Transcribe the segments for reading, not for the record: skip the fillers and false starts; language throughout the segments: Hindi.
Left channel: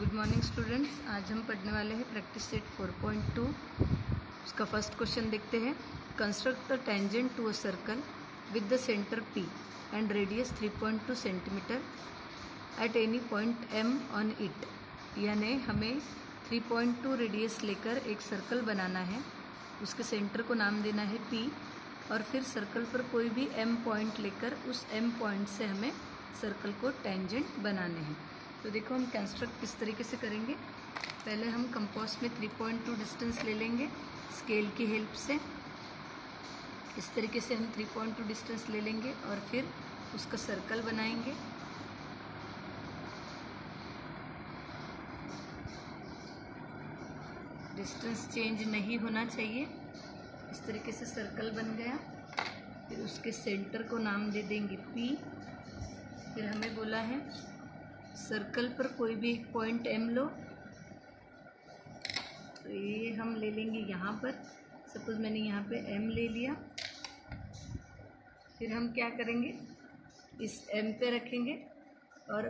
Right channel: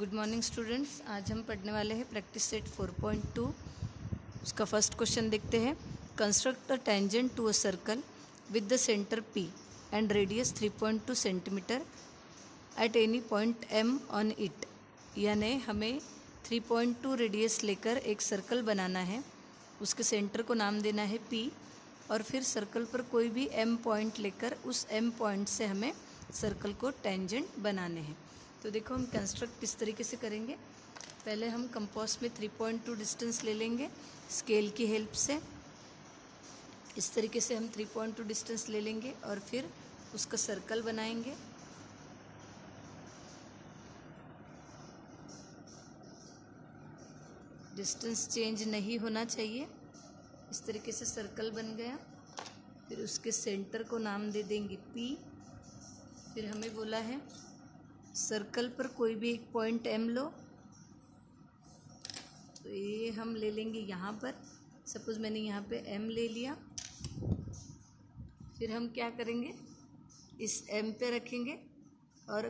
Good morning students. आज हम पढ़ने वाले हैं प्रैक्टिस सेट 4.2। उसका फर्स्ट क्वेश्चन देखते हैं। Construct a tangent to a circle with the centre P and radius 3.2 centimetre at any point M on it. यानी हमें 3.2 रेडियस लेकर एक सर्कल बनाना है, उसके सेंटर को नाम देना है P और फिर सर्कल पर कोई भी M पॉइंट लेकर उस M पॉइंट से हमें सर्कल को टेंजेंट बनाने हैं। तो देखो हम कंस्ट्रक्ट किस तरीके से करेंगे। पहले हम कंपास में 3.2 डिस्टेंस ले लेंगे स्केल की हेल्प से। इस तरीके से हम 3.2 डिस्टेंस ले लेंगे और फिर उसका सर्कल बनाएंगे। डिस्टेंस चेंज नहीं होना चाहिए। इस तरीके से सर्कल बन गया। फिर उसके सेंटर को नाम दे देंगे P। फिर हमें बोला है सर्कल पर कोई भी एक पॉइंट M लो। तो ये हम ले लेंगे यहाँ पर। सपोज मैंने यहाँ पे M ले लिया। फिर हम क्या करेंगे, इस M पे रखेंगे और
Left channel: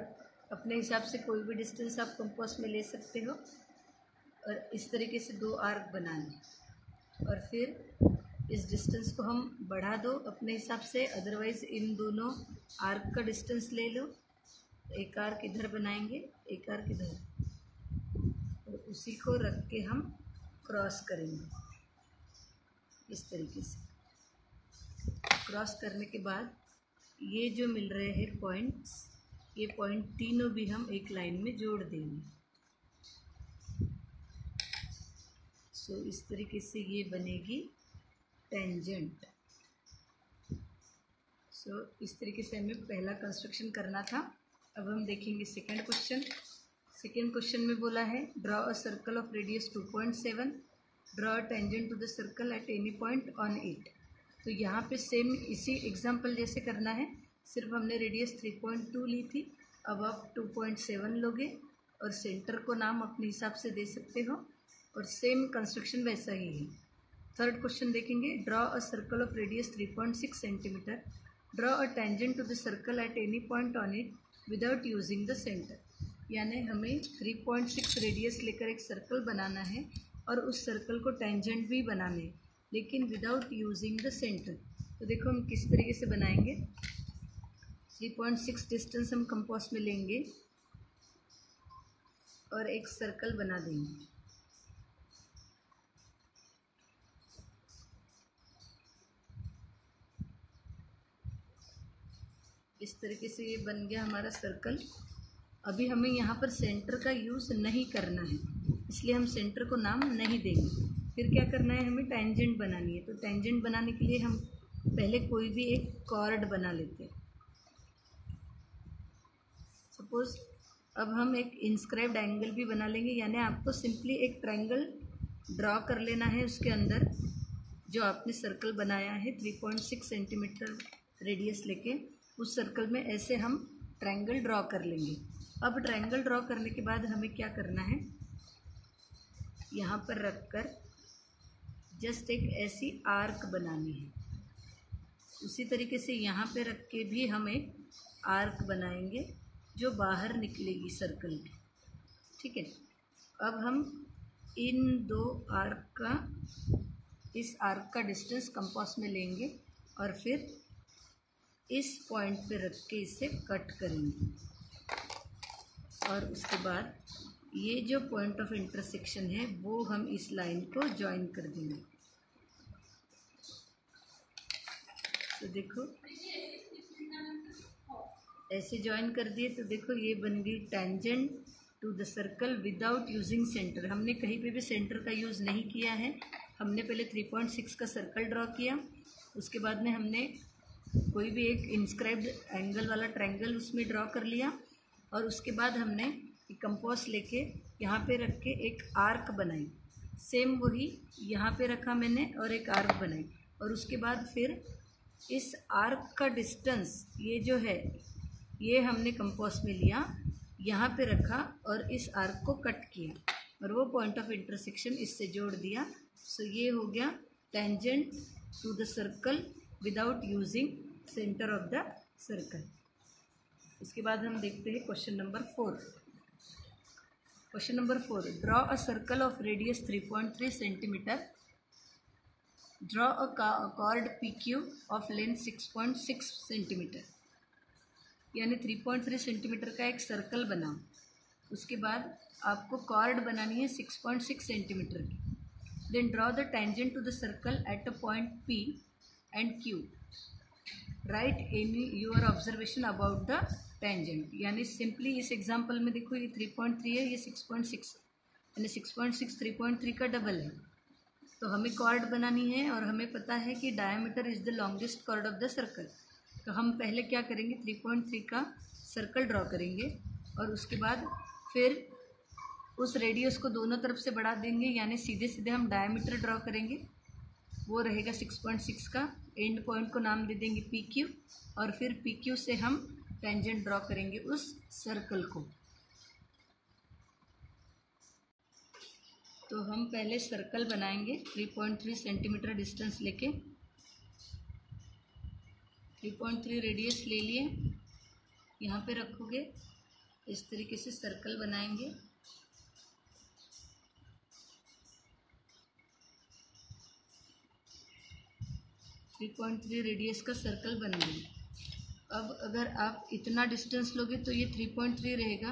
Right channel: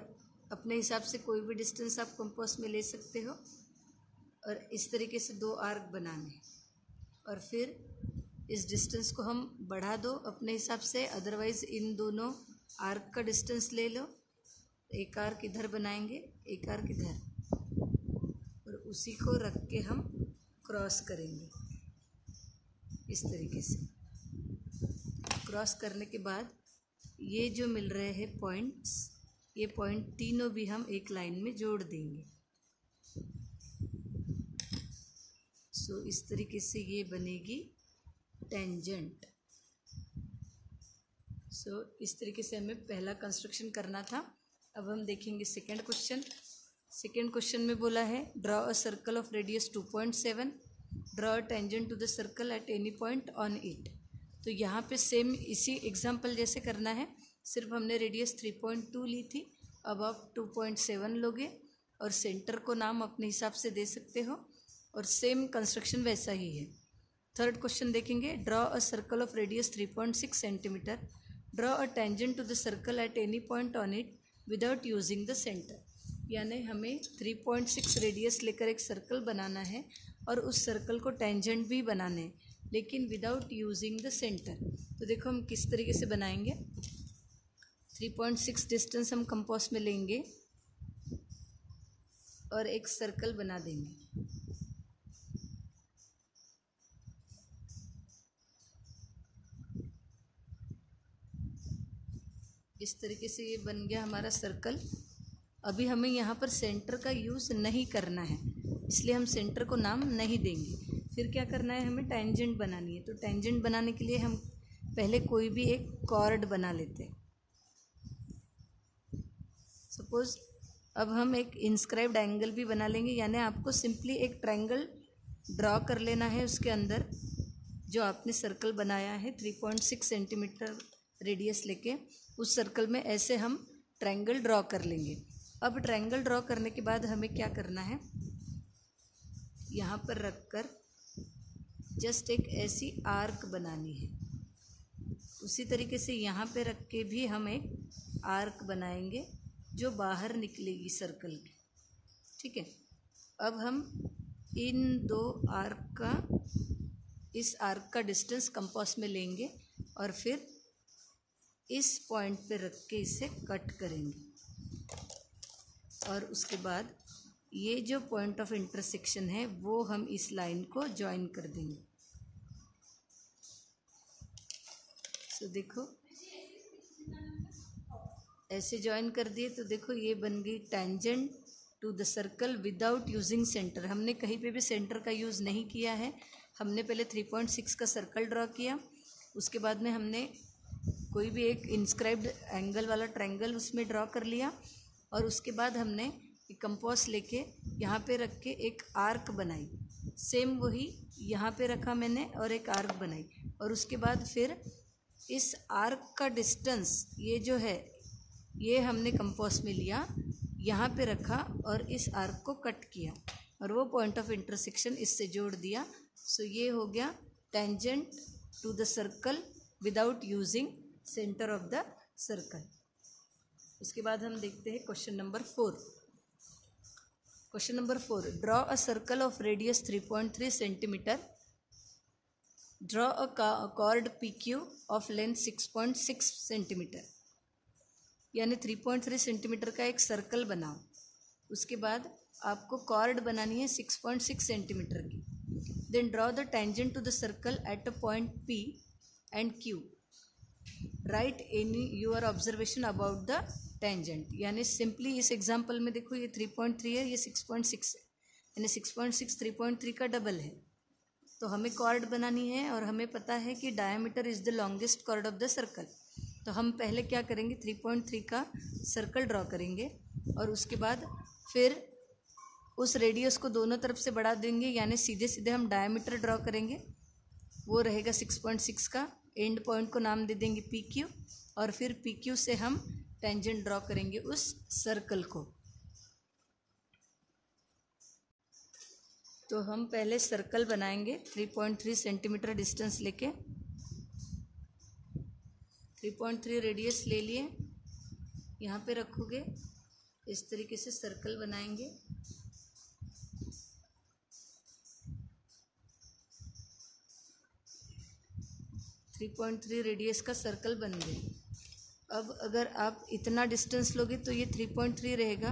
अपने हिसाब से कोई भी डिस्टेंस आप कंपास में ले सकते हो और इस तरीके से दो आर्क बनाने। और फिर इस डिस्टेंस को हम बढ़ा दो अपने हिसाब से, अदरवाइज़ इन दोनों आर्क का डिस्टेंस ले लो। एक आर्क इधर बनाएंगे, एक आर्क इधर, और उसी को रख के हम क्रॉस करेंगे इस तरीके से। क्रॉस करने के बाद ये जो मिल रहे हैं पॉइंट्स, ये पॉइंट तीनों भी हम एक लाइन में जोड़ देंगे। सो इस तरीके से ये बनेगी टेंजेंट। सो इस तरीके से हमें पहला कंस्ट्रक्शन करना था। अब हम देखेंगे सेकंड क्वेश्चन। सेकंड क्वेश्चन में बोला है draw a circle of radius 2.7, draw a tangent to the circle at any point on it. तो यहाँ पे सेम इसी एग्जांपल जैसे करना है, सिर्फ हमने रेडियस 3.2 ली थी। अब आप 2.7 लोगे और सेंटर को नाम अपने हिसाब से दे सकते हो और सेम कंस्ट्रक्शन वैसा ही है। थर्ड क्वेश्चन देखेंगे। Draw a circle of radius 3.6 centimetre, draw a tangent to the circle at any point on it without using the centre. यानी हमें 3.6 रेडियस लेकर एक सर्कल बनाना है और उस सर्कल को टेंजेंट भी बनाने हैं, लेकिन विदाउट यूजिंग द सेंटर। तो देखो हम किस तरीके से बनाएंगे। 3.6 डिस्टेंस हम कंपास में लेंगे और एक सर्कल बना देंगे। इस तरीके से ये बन गया हमारा सर्कल। अभी हमें यहाँ पर सेंटर का यूज़ नहीं करना है, इसलिए हम सेंटर को नाम नहीं देंगे। फिर क्या करना है, हमें टेंजेंट बनानी है। तो टेंजेंट बनाने के लिए हम पहले कोई भी एक कॉर्ड बना लेते हैं। सपोज अब हम एक इंस्क्राइब्ड एंगल भी बना लेंगे। यानी आपको सिंपली एक ट्रायंगल ड्रॉ कर लेना है, उसके अंदर जो आपने सर्कल बनाया है 3.6 सेंटीमीटर रेडियस लेके, उस सर्कल में ऐसे हम ट्रायंगल ड्रॉ कर लेंगे। अब ट्रायंगल ड्रॉ करने के बाद हमें क्या करना है, यहाँ पर रखकर जस्ट एक ऐसी आर्क बनानी है। उसी तरीके से यहाँ पे रख के भी हम एक आर्क बनाएंगे जो बाहर निकलेगी सर्कल की। ठीक है। अब हम इन दो आर्क का, इस आर्क का डिस्टेंस कंपास में लेंगे और फिर इस पॉइंट पे रख के इसे कट करेंगे। और उसके बाद ये जो पॉइंट ऑफ इंटरसेक्शन है वो हम इस लाइन को ज्वाइन कर देंगे। तो देखो ऐसे ज्वाइन कर दिए तो देखो ये बन गई tangent to the circle without using centre. हमने कहीं पे भी सेंटर का यूज़ नहीं किया है। हमने पहले 3.6 का सर्कल ड्रॉ किया, उसके बाद में हमने कोई भी एक इंस्क्राइब्ड एंगल वाला ट्रायंगल उसमें ड्रॉ कर लिया और उसके बाद हमने एक कंपास लेके यहाँ पे रख के एक आर्क बनाई। सेम वही यहाँ पे रखा मैंने और एक आर्क बनाई। और उसके बाद फिर इस आर्क का डिस्टेंस ये जो है ये हमने कंपास में लिया, यहाँ पे रखा और इस आर्क को कट किया और वो पॉइंट ऑफ इंटरसेक्शन इससे जोड़ दिया। सो ये हो गया tangent to the circle without using centre of the circle. उसके बाद हम देखते हैं question number 4। Question number 4, draw a circle of radius 3.3 centimetre, draw a chord PQ of length 6.6 centimetre. यानी 3.3 सेंटीमीटर का एक सर्कल बनाओ, उसके बाद आपको कॉर्ड बनानी है 6.6 सेंटीमीटर की। Then draw the tangent to the circle at a point P and Q। Write any your observation about the tangent. यानी सिंपली इस एग्जांपल में देखो, ये 3.3 है, ये 6.6 है, यानी 6.6 3.3 का डबल है। तो हमें कॉर्ड बनानी है और हमें पता है कि diameter is the longest chord of the circle. तो हम पहले क्या करेंगे, 3.3 का सर्कल ड्रॉ करेंगे और उसके बाद फिर उस रेडियस को दोनों तरफ से बढ़ा देंगे, यानी सीधे सीधे हम डायमीटर ड्रॉ करेंगे, वो रहेगा 6.6 का। एंड पॉइंट को नाम दे देंगे PQ और फिर PQ से हम टेंजेंट ड्रॉ करेंगे उस सर्कल को। तो हम पहले सर्कल बनाएंगे 3.3 सेंटीमीटर डिस्टेंस लेके। 3.3 रेडियस ले लिए, यहाँ पे रखोगे, इस तरीके से सर्कल बनाएंगे। थ्री 3.3 रेडियस का सर्कल बन गया। अब अगर आप इतना डिस्टेंस लोगे तो ये 3.3 रहेगा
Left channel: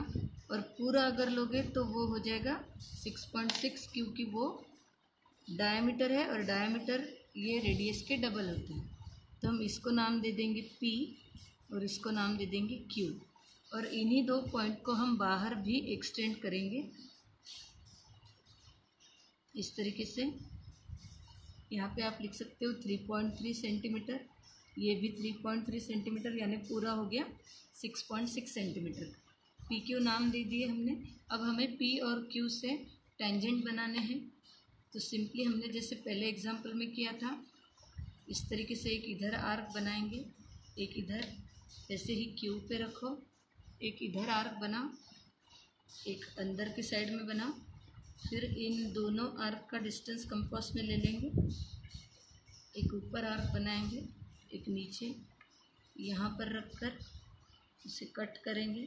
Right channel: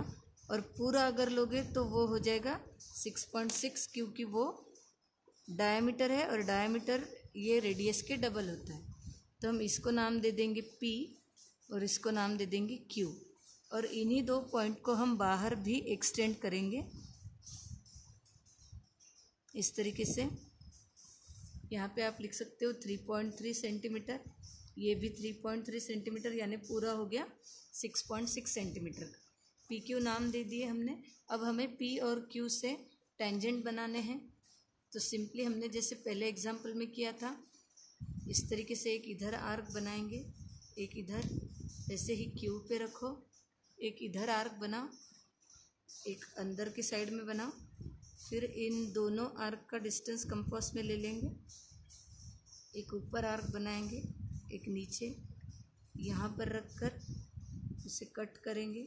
और पूरा अगर लोगे तो वो हो जाएगा 6.6, क्योंकि वो डायमीटर है और डायमीटर ये रेडियस के डबल होता है। तो हम इसको नाम दे देंगे P और इसको नाम दे देंगे Q। और इन्हीं दो पॉइंट को हम बाहर भी एक्सटेंड करेंगे इस तरीके से। यहाँ पे आप लिख सकते हो 3.3 सेंटीमीटर, ये भी 3.3 सेंटीमीटर, यानी पूरा हो गया 6.6 सेंटीमीटर का। PQ नाम दे दिए हमने। अब हमें P और Q से टेंजेंट बनाने हैं। तो सिंपली हमने जैसे पहले एग्जांपल में किया था, इस तरीके से एक इधर आर्क बनाएंगे, एक इधर, ऐसे ही Q पे रखो, एक इधर आर्क बनाओ, एक अंदर की साइड में बनाओ, फिर इन दोनों आर्क का डिस्टेंस कंपास में ले लेंगे, एक ऊपर आर्क बनाएंगे, एक नीचे, यहाँ पर रखकर इसे कट करेंगे।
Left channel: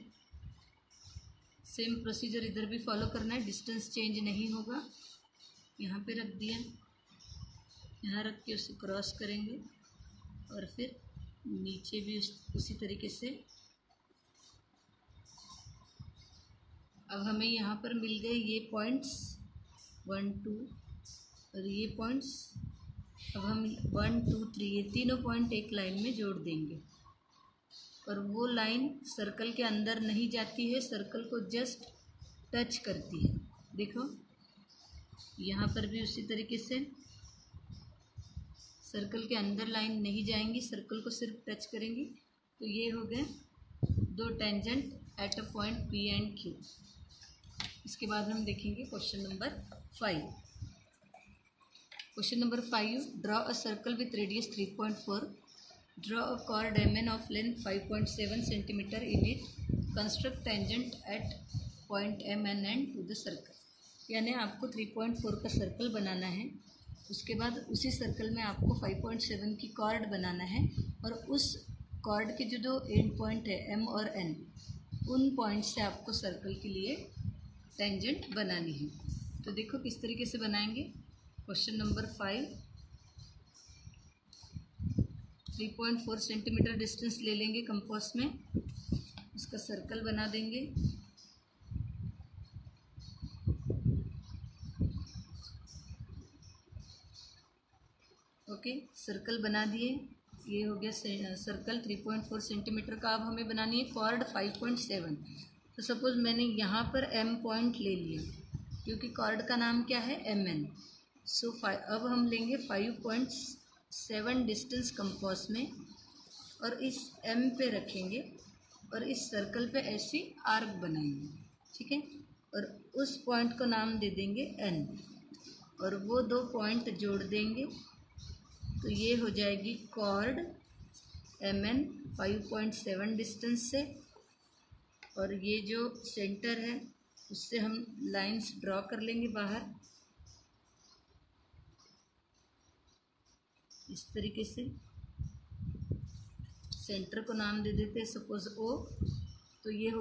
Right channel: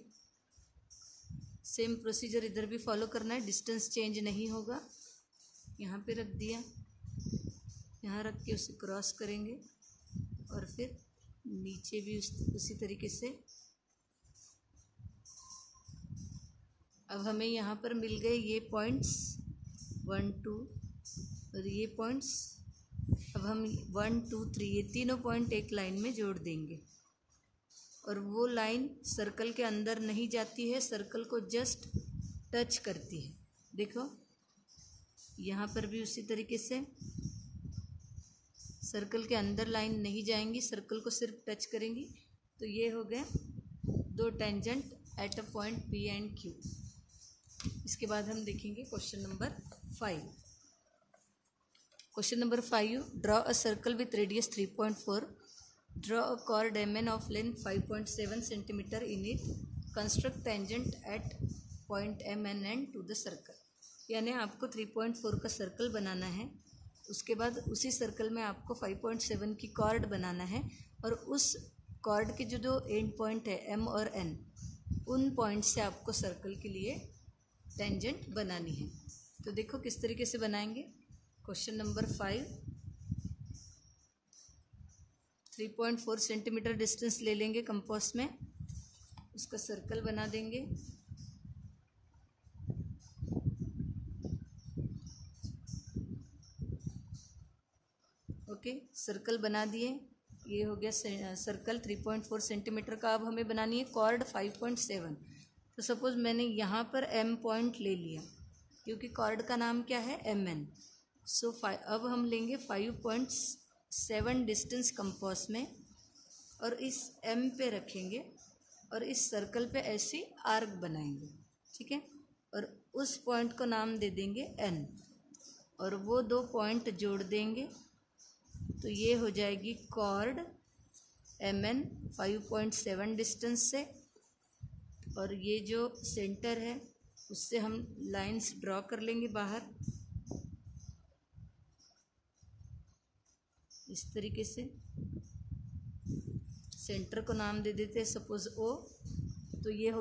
सेम प्रोसीजर इधर भी फॉलो करना है, डिस्टेंस चेंज नहीं होगा। यहाँ पे रख दिया, यहाँ रख के उसे क्रॉस करेंगे और फिर नीचे भी उसी तरीके से। अब हमें यहाँ पर मिल गए ये पॉइंट्स 1 2 और ये पॉइंट्स। अब हम 1 2 3 ये तीनों पॉइंट एक लाइन में जोड़ देंगे और वो लाइन सर्कल के अंदर नहीं जाती है, सर्कल को जस्ट टच करती है। देखो यहाँ पर भी उसी तरीके से सर्कल के अंदर लाइन नहीं जाएंगी, सर्कल को सिर्फ टच करेंगी। तो ये हो गए दो tangent at a point P and Q। इसके बाद हम देखेंगे question number 5। Question number 5, draw a circle with radius 3.4, draw a chord MN of length 5.7 centimetre in it, construct tangent at point MN and to the circle. यानी आपको 3.4 का सर्कल बनाना है, उसके बाद उसी सर्कल में आपको 5.7 की कॉर्ड बनाना है और उस कॉर्ड के जो दो एंड पॉइंट है M और N, उन पॉइंट से आपको सर्कल के लिए टेंजेंट बनानी है। तो देखो किस तरीके से बनाएंगे। क्वेश्चन नंबर 5, 3.4 सेंटीमीटर डिस्टेंस ले लेंगे कंपास में, उसका सर्कल बना देंगे। ओके, सर्कल बना दिए, ये हो गया सर्कल 3.4 सेंटीमीटर का। अब हमें बनानी है कॉर्ड 5.7। तो सपोज मैंने यहाँ पर M पॉइंट ले लिया, क्योंकि कॉर्ड का नाम क्या है MN। सो अब हम लेंगे 5.7 डिस्टेंस कंपास में और इस M पे रखेंगे और इस सर्कल पे ऐसी आर्क बनाएंगे, ठीक है। और उस पॉइंट को नाम दे देंगे N और वो दो पॉइंट जोड़ देंगे, तो ये हो जाएगी कॉर्ड MN 5.7 डिस्टेंस से। और ये जो सेंटर है उससे हम लाइंस ड्रॉ कर लेंगे बाहर इस तरीके से। सेंटर को नाम दे देते हैं सपोज O। तो ये हो